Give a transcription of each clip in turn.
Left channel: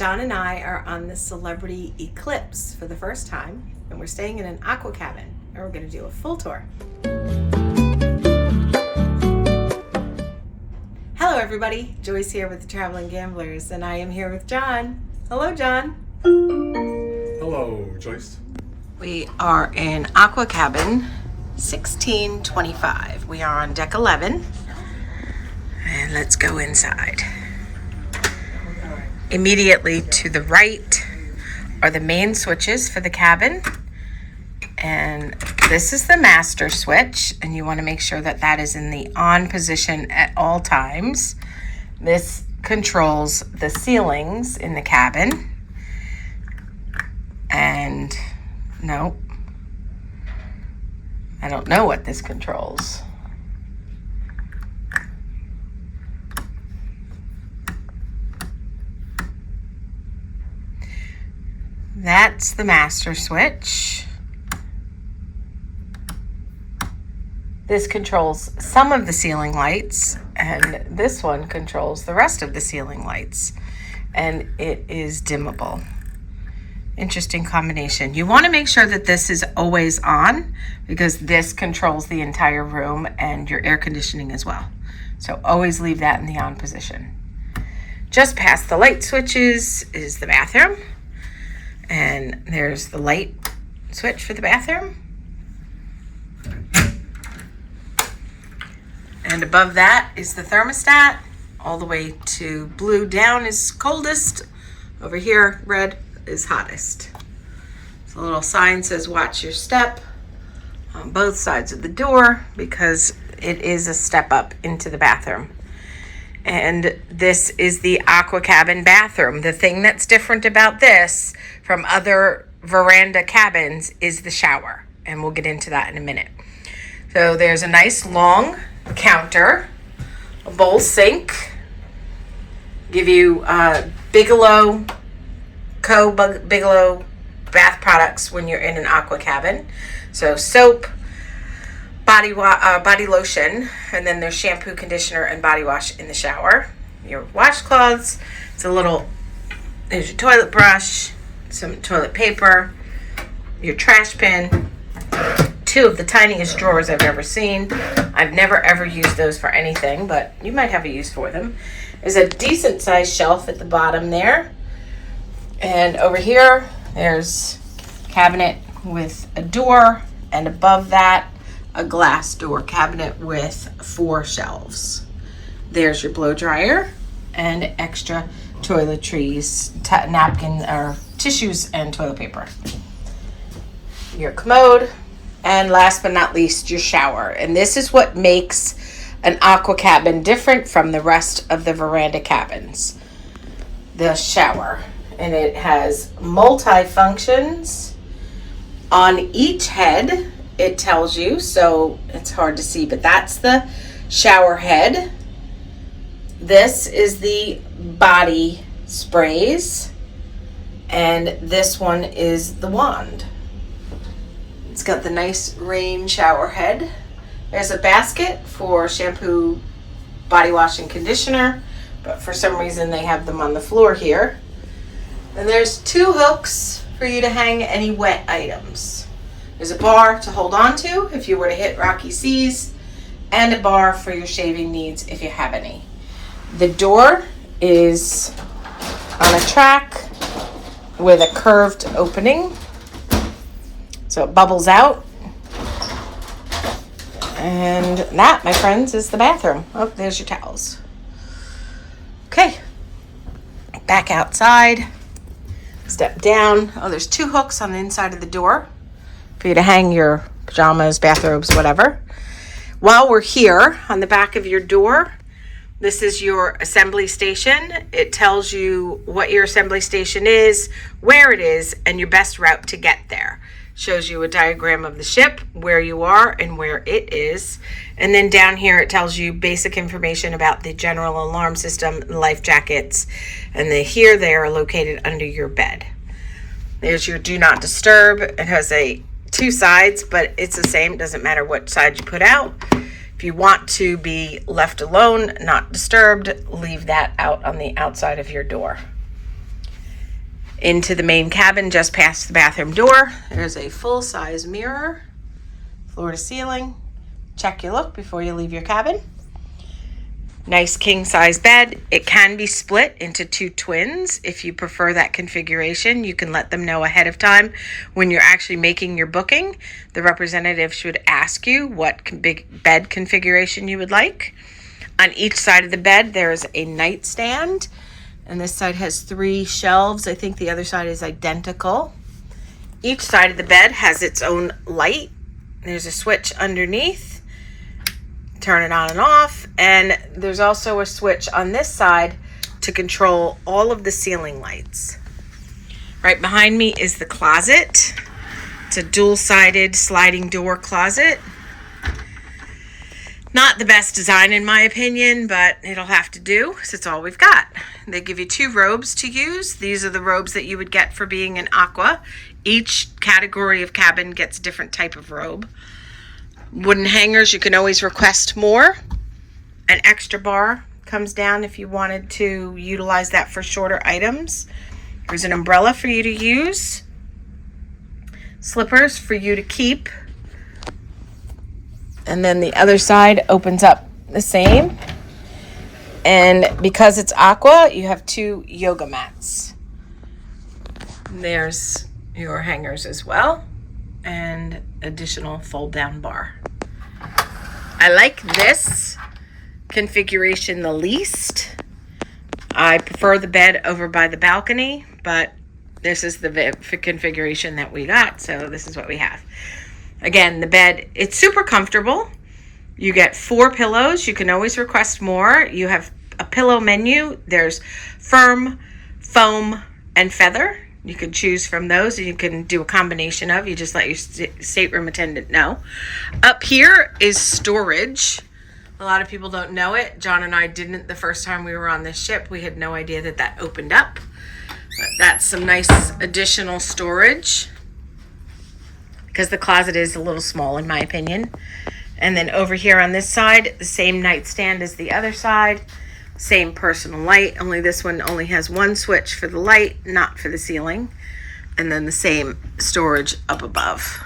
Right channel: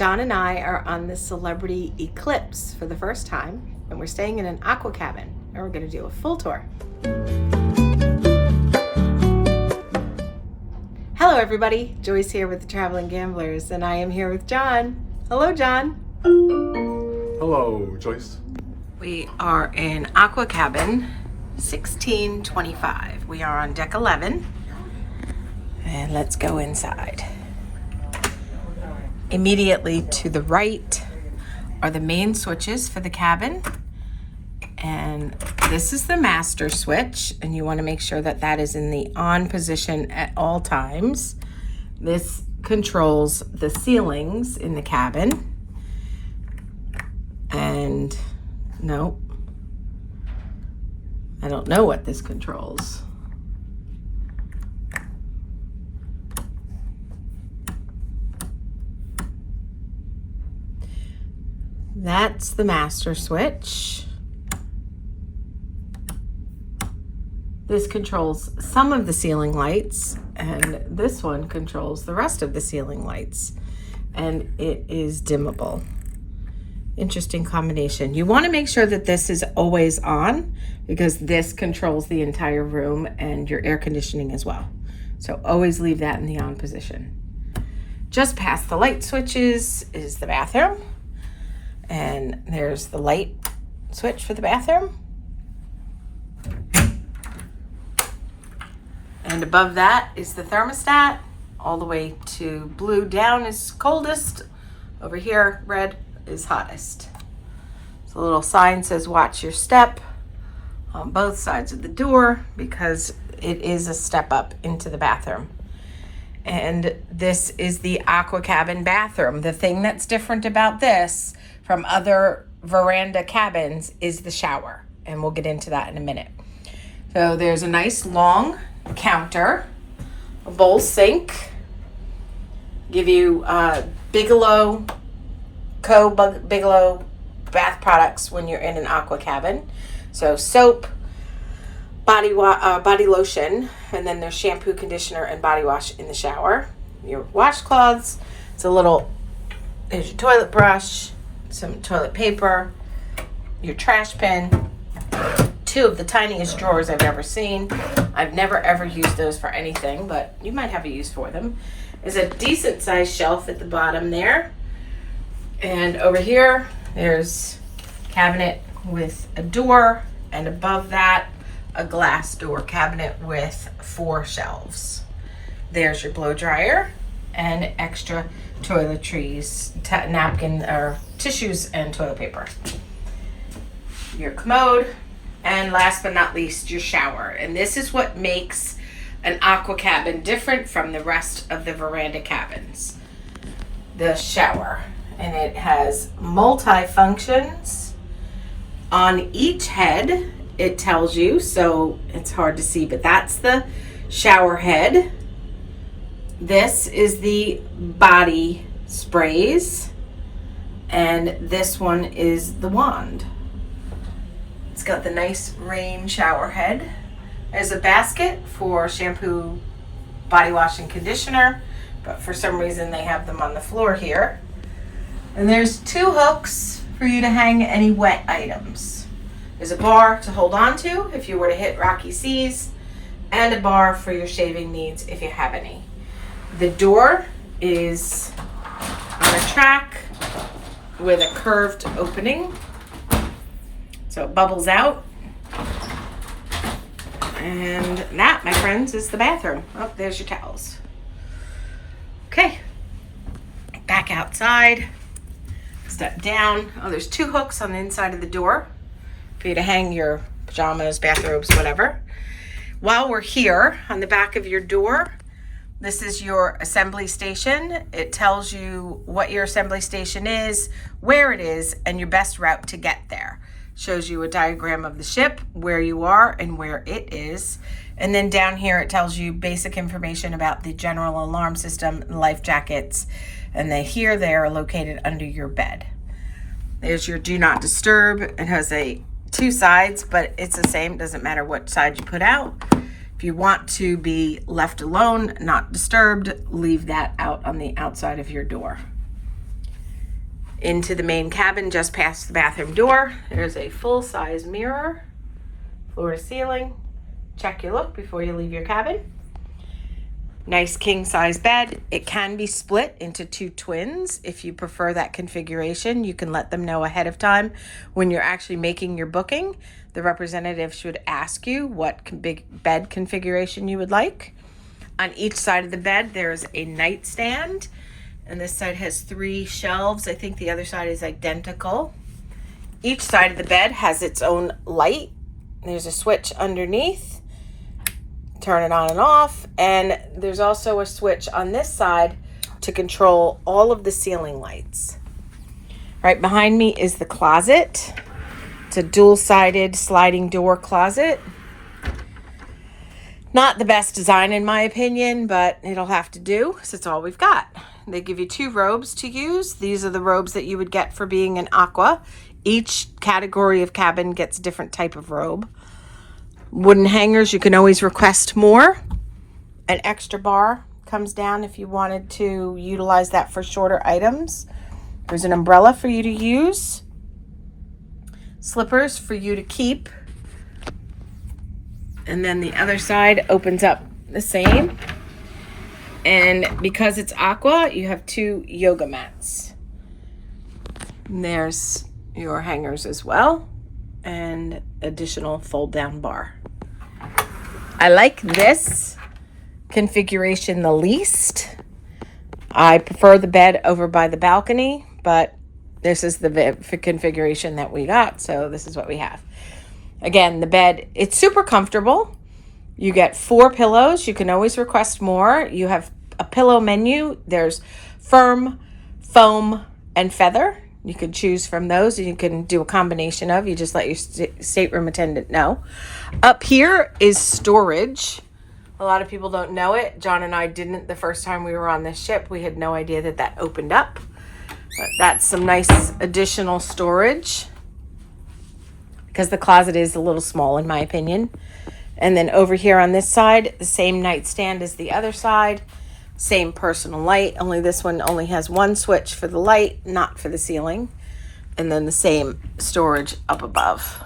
John and I are on the Celebrity Eclipse for the first time, and we're staying in an Aqua Cabin, and we're going to do a full tour. Hello everybody, Joyce here with the Traveling Gamblers, and I am here with John. Hello John. Hello Joyce. We are in Aqua Cabin 1625. We are on deck 11, and let's go inside. Immediately to the right are the main switches for the cabin, and this is the master switch, and you want to make sure that that is in the on position at all times. This controls the ceilings in the cabin, and nope, I don't know what this controls. That's the master switch. This controls some of the ceiling lights, and this one controls the rest of the ceiling lights, and it is dimmable. Interesting combination. You want to make sure that this is always on, because this controls the entire room and your air conditioning as well. So always leave that in the on position. Just past the light switches is the bathroom. And there's the light switch for the bathroom. And above that is the thermostat. All the way to blue down is coldest. Over here, red is hottest. So a little sign says watch your step on both sides of the door, because it is a step up into the bathroom. And this is the Aqua Cabin bathroom. The thing that's different about this from other veranda cabins is the shower, and we'll get into that in a minute. So there's a nice long counter, a bowl sink, give you Bigelow bath products when you're in an Aqua Cabin. So soap, body lotion, and then there's shampoo, conditioner, and body wash in the shower. Your washcloths, there's your toilet brush, some toilet paper, your trash bin, two of the tiniest drawers I've ever seen. I've never ever used those for anything, but you might have a use for them. There's a decent sized shelf at the bottom there. And over here, there's a cabinet with a door, and above that, a glass door cabinet with 4 shelves. There's your blow dryer and extra toiletries, napkin or tissues, and toilet paper. Your commode, and last but not least, your shower. And this is what makes an Aqua Cabin different from the rest of the veranda cabins. The shower, and it has multi-functions on each head. It tells you, so it's hard to see, but that's the shower head. This is the body sprays, and this one is the wand. It's got the nice rain shower head. There's a basket for shampoo, body wash, and conditioner, but for some reason they have them on the floor here. And there's 2 hooks for you to hang any wet items. There's a bar to hold on to if you were to hit rocky seas, and a bar for your shaving needs if you have any. The door is on a track with a curved opening, so it bubbles out. And that, my friends, is the bathroom. Oh, there's your towels. Okay, back outside, step down. Oh, there's 2 hooks on the inside of the door for you to hang your pajamas, bathrobes, whatever. While we're here, on the back of your door, this is your assembly station. It tells you what your assembly station is, where it is, and your best route to get there. Shows you a diagram of the ship, where you are and where it is. And then down here it tells you basic information about the general alarm system, life jackets, and they are located under your bed. There's your do not disturb. It has 2 sides, but it's the same. It doesn't matter what side you put out. If you want to be left alone, not disturbed, leave that out on the outside of your door. into the main cabin just past the bathroom door. There's a full-size mirror, floor to ceiling. Check your look before you leave your cabin. Nice king-size bed. It can be split into 2 twins. If you prefer that configuration, you can let them know ahead of time when you're actually making your booking. The representative should ask you what big bed configuration you would like. On each side of the bed, there's a nightstand, and this side has 3 shelves. I think the other side is identical. Each side of the bed has its own light. There's a switch underneath. Turn it on and off, and there's also a switch on this side to control all of the ceiling lights. Right behind me is the closet. It's a dual-sided sliding door closet. Not the best design in my opinion, but it'll have to do because it's all we've got. They give you 2 robes to use. These are the robes that you would get for being an Aqua. Each category of cabin gets a different type of robe. Wooden hangers, you can always request more. An extra bar comes down if you wanted to utilize that for shorter items. There's an umbrella for you to use. Slippers for you to keep. And then the other side opens up the same. And because it's Aqua, you have 2 yoga mats. And there's your hangers as well. And additional fold down bar. I like this configuration the least. I prefer the bed over by the balcony, but this is the configuration that we got, so this is what we have. Again, the bed, it's super comfortable. You get 4 pillows. You can always request more. You have a pillow menu. There's firm, foam, and feather. You can choose from those, and you can do a combination of. You just let your stateroom attendant know. Up here is storage. A lot of people don't know it. John and I didn't the first time we were on this ship. We had no idea that that opened up. But that's some nice additional storage because the closet is a little small in my opinion. And then over here on this side, the same nightstand as the other side. Same personal light, only this one only has 1 switch for the light, not for the ceiling. And then the same storage up above.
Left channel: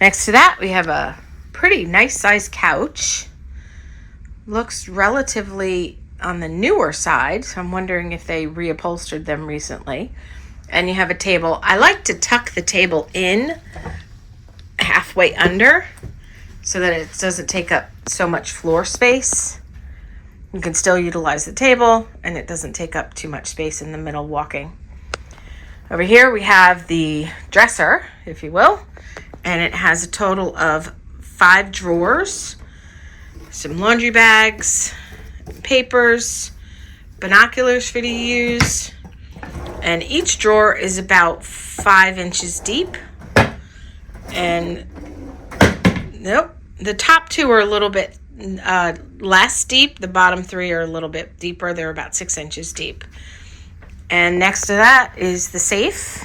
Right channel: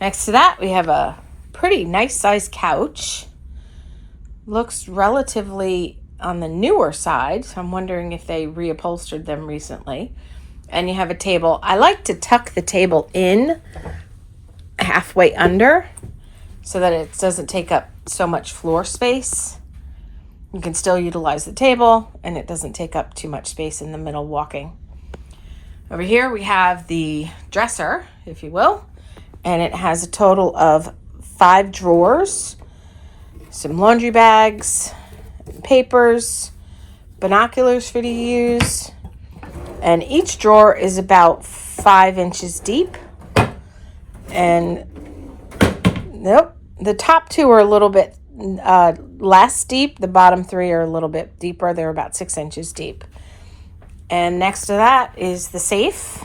Next to that, we have a pretty nice sized couch. Looks relatively on the newer side, so I'm wondering if they reupholstered them recently. And you have a table. I like to tuck the table in halfway under so that it doesn't take up so much floor space. You can still utilize the table, and it doesn't take up too much space in the middle walking. Over here, we have the dresser, if you will, and it has a total of 5 drawers, some laundry bags, papers, binoculars for you to use, and each drawer is about 5 inches deep. And nope, the top 2 are a little bit less deep. The bottom 3 are a little bit deeper. They're about 6 inches deep. And next to that is the safe.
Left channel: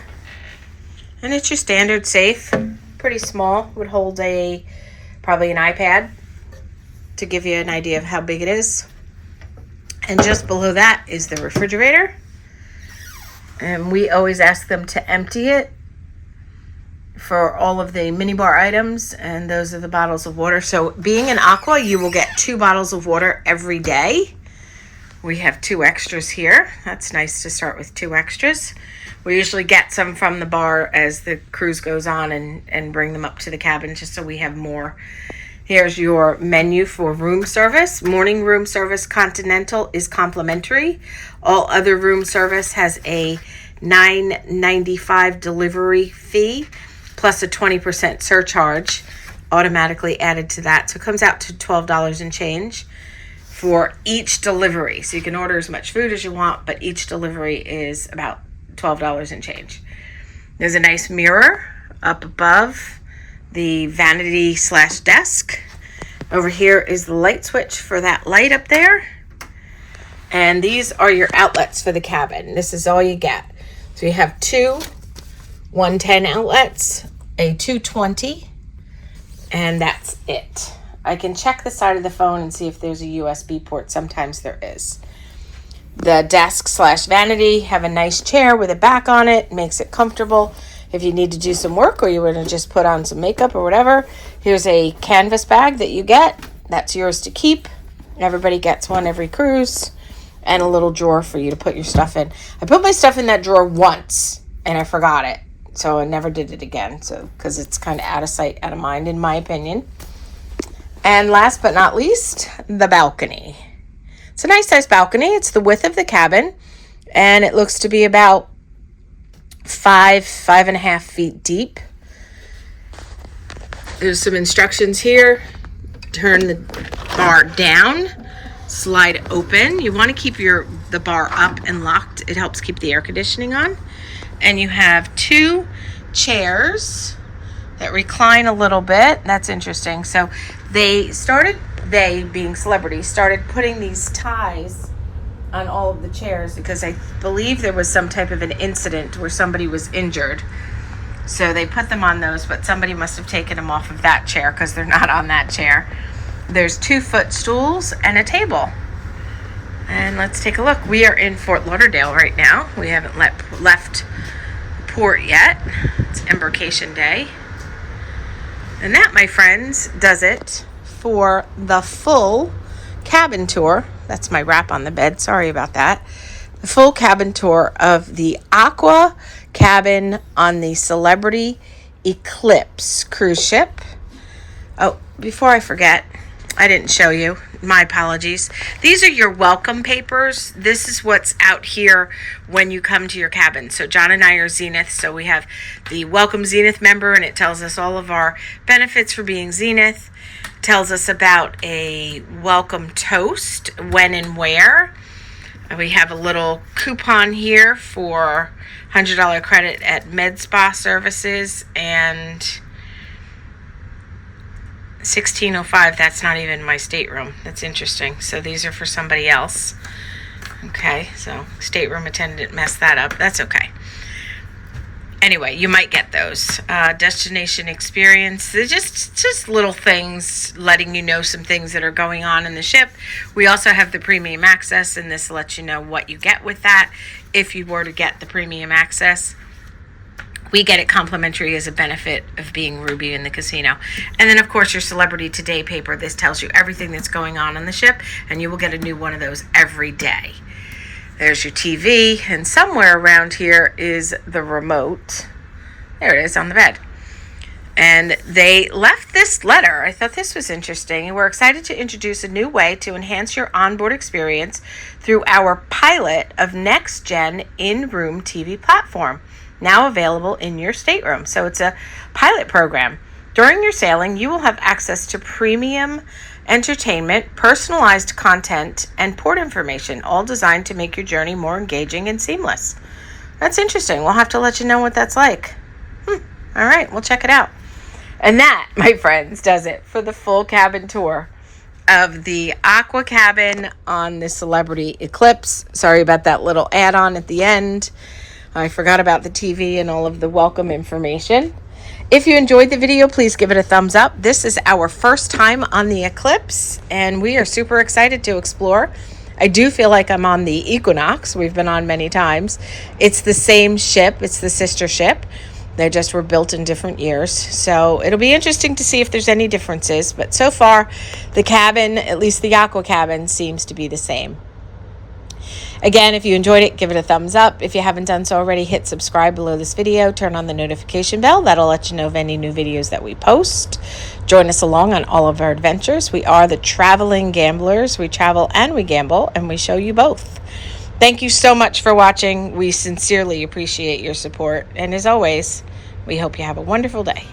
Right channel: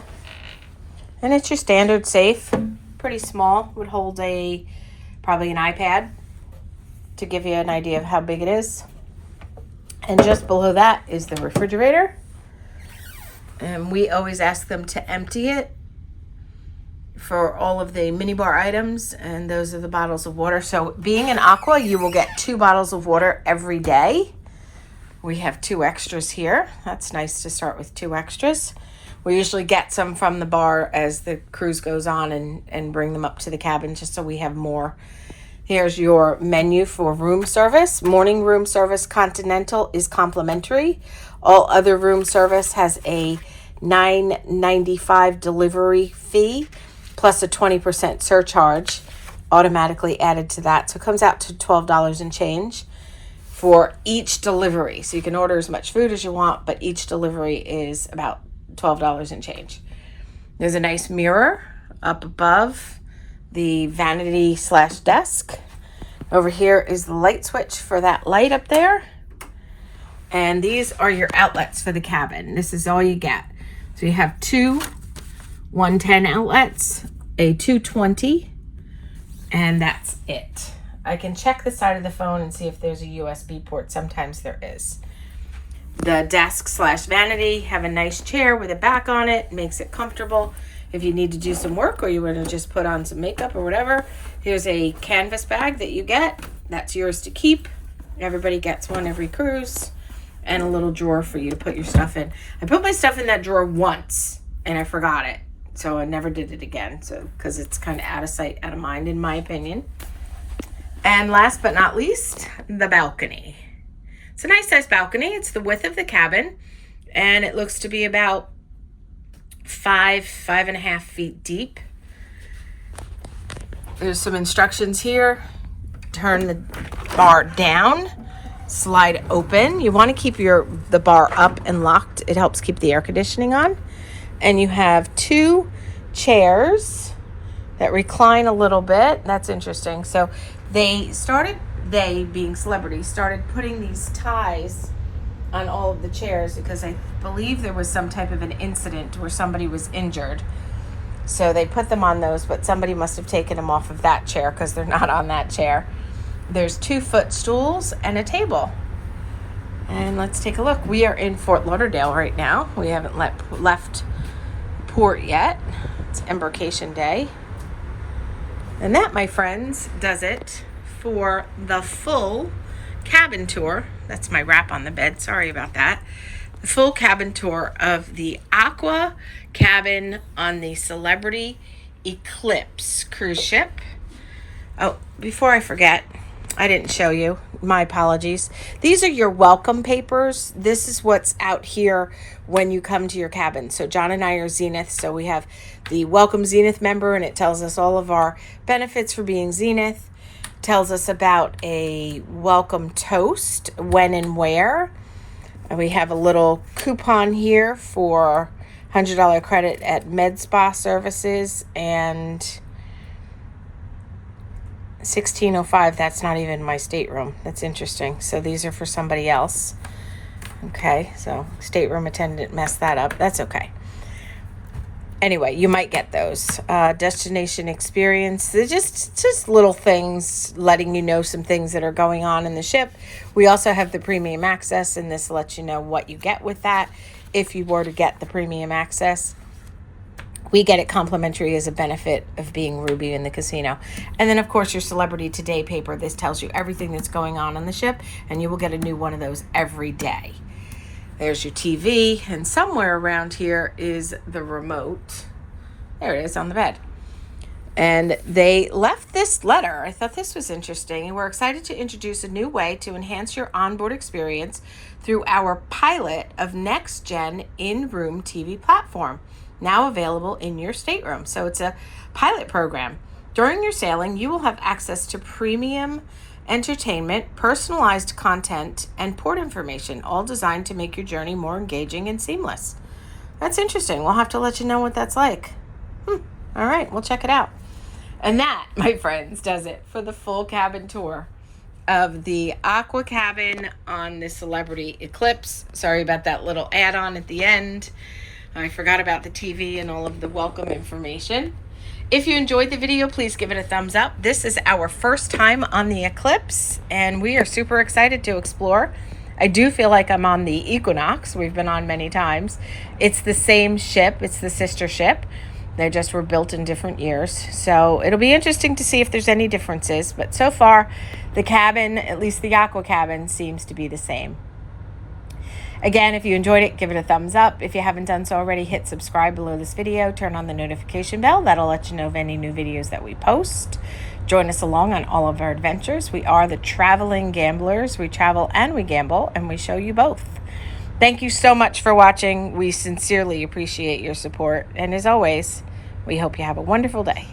And it's your standard safe. Pretty small. Would hold probably an iPad to give you an idea of how big it is. And just below that is the refrigerator. And we always ask them to empty it for all of the minibar items, and those are the bottles of water. So being an Aqua, you will get 2 bottles of water every day. We have 2 extras here. That's nice to start with 2 extras. We usually get some from the bar as the cruise goes on and bring them up to the cabin just so we have more. Here's your menu for room service. Morning room service continental is complimentary. All other room service has a $9.95 delivery fee plus a 20% surcharge automatically added to that. So it comes out to $12 and change for each delivery. So you can order as much food as you want, but each delivery is about $12 and change. There's a nice mirror up above the vanity / desk. Over here is the light switch for that light up there. And these are your outlets for the cabin. This is all you get. So you have 2 110 outlets, a 220, and that's it. I can check the side of the phone and see if there's a USB port. Sometimes there is. the desk / vanity. Have a nice chair with a back on it. Makes it comfortable. If you need to do some work or you want to just put on some makeup or whatever, here's a canvas bag that you get. That's yours to keep. Everybody gets one every cruise. And a little drawer for you to put your stuff in. I put my stuff in that drawer once and I forgot it. So I never did it again. So because it's kind of out of sight, out of mind, in my opinion. And last but not least, the balcony. It's a nice size balcony. It's the width of the cabin. And it looks to be about 5.5 feet deep. There's some instructions here. Turn the bar down, slide open. You want to keep the bar up and locked. It helps keep the air conditioning on. And you have 2 chairs that recline a little bit. That's interesting. So they being Celebrity, started putting these ties on all of the chairs because I believe there was some type of an incident where somebody was injured. So they put them on those, but somebody must have taken them off of that chair because they're not on that chair. There's 2 footstools and a table. And let's take a look. We are in Fort Lauderdale right now. We haven't left port yet. It's Embarkation Day. And that, my friends, does it for the full cabin tour. That's my wrap on the bed. Sorry about that. The full cabin tour of the Aqua Cabin on the Celebrity Eclipse cruise ship. Oh, before I forget, I didn't show you. My apologies. These are your welcome papers. This is what's out here when you come to your cabin. So John and I are Zenith. So we have the Welcome Zenith member, and it tells us all of our benefits for being Zenith. Tells us about a welcome toast, when and where. We have a little coupon here for $100 credit at Med Spa Services, and 1605, that's not even my stateroom. That's interesting. So these are for somebody else. Okay, so stateroom attendant messed that up. That's okay. Anyway, you might get those. Destination experience. They're just little things letting you know some things that are going on in the ship. We also have the premium access, and this lets you know what you get with that. If you were to get the premium access, we get it complimentary as a benefit of being Ruby in the casino. And then, of course, your Celebrity Today paper. This tells you everything that's going on the ship, and you will get a new one of those every day. There's your TV, and somewhere around here is the remote. There it is on the bed. And they left this letter. I thought this was interesting. And we're excited to introduce a new way to enhance your onboard experience through our pilot of next-gen in-room TV platform, now available in your stateroom. So it's a pilot program. During your sailing, you will have access to premium entertainment, personalized content, and port information, all designed to make your journey more engaging and seamless. That's interesting. We'll have to let you know what that's like. All right, we'll check it out. And that, my friends, does it for the full cabin tour of the Aqua Cabin on the Celebrity Eclipse. Sorry about that little add-on at the end. I forgot about the TV and all of the welcome information. If you enjoyed the video, please give it a thumbs up. This is our first time on the Eclipse, and we are super excited to explore. I do feel like I'm on the Equinox. We've been on many times. It's the same ship. It's the sister ship. They just were built in different years. So it'll be interesting to see if there's any differences. But so far, the cabin, at least the Aqua Cabin, seems to be the same. Again, if you enjoyed it, give it a thumbs up. If you haven't done so already, hit subscribe below this video. Turn on the notification bell. That'll let you know of any new videos that we post. Join us along on all of our adventures. We are the traveling gamblers. We travel and we gamble, and we show you both. Thank you so much for watching. We sincerely appreciate your support. And as always, we hope you have a wonderful day.